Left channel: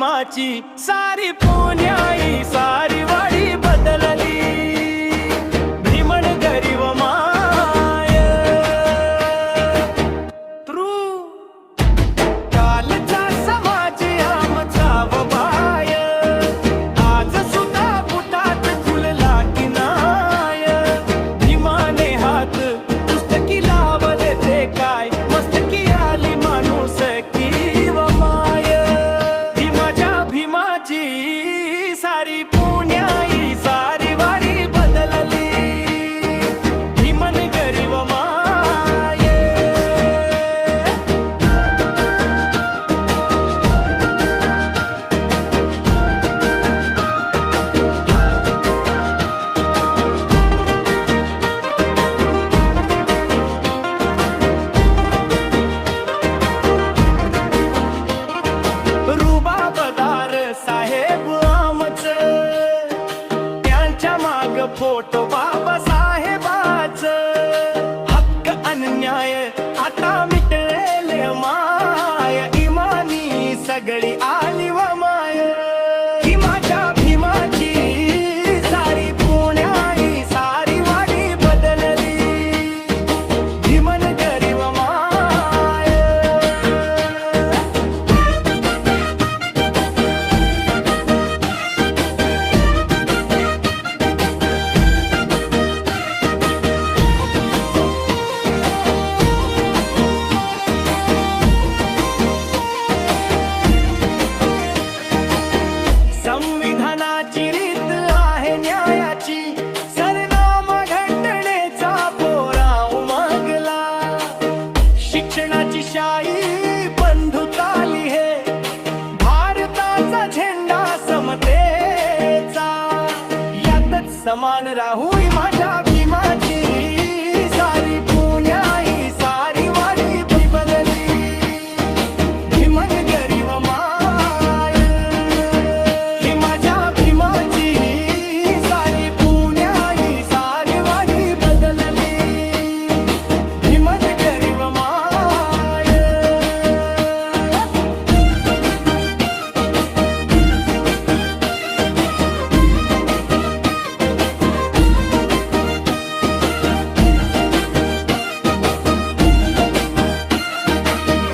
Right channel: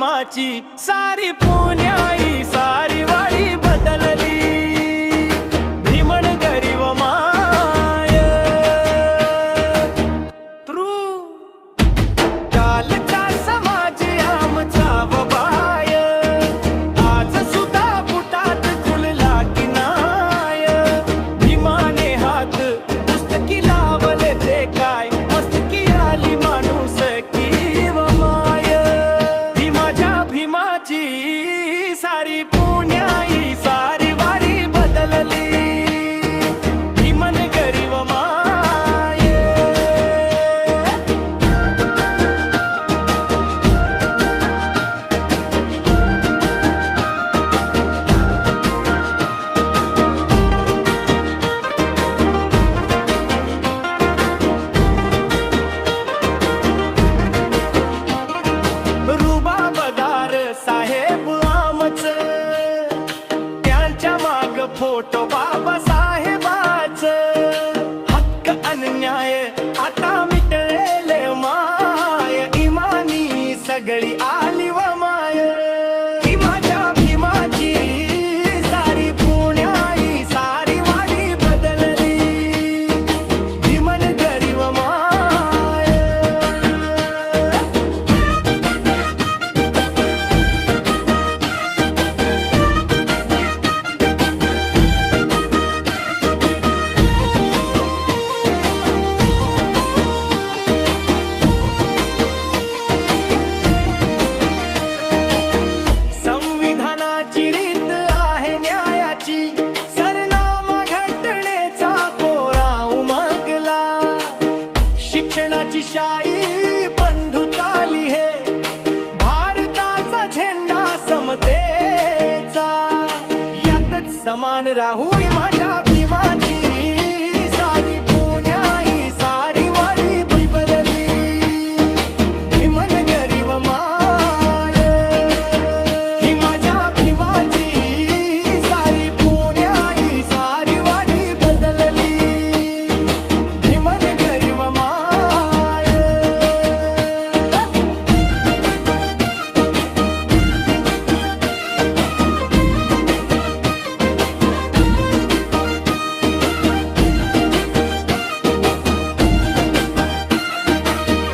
भीमाची सारी पुण्याई सारी वाडी बदलली भीमन गरीब माय तृ कालचा समाज आमचा बाय आज सुद्धा बुटात खुलला की नाय भीमाने हात पुस्तकी लावले ते काय मस्तकी आली माणूस की व माय ही माझ्या भीमाची सारी पुण्याई सारी वारी बदलली भीमन गरीब माय रुबाबदार साहेब आमच त्यांच्या माग फोटो बाबा साहेबाच हक्क अन्याय आता मिटलेले माय इमानी सगळी आली व माय ही माझ्या भीमाची सारी पुण्याई सारी वाडी बदलली भीमन गरीब माय संविधानाची रीत आहे न्यायाची सरनाम घटनेचा पोरा उमगला शिक्षणाची शाई बंधुताली हे भारताचा झेंडा समतेचा यातच समान राहू माझ्या भीमाची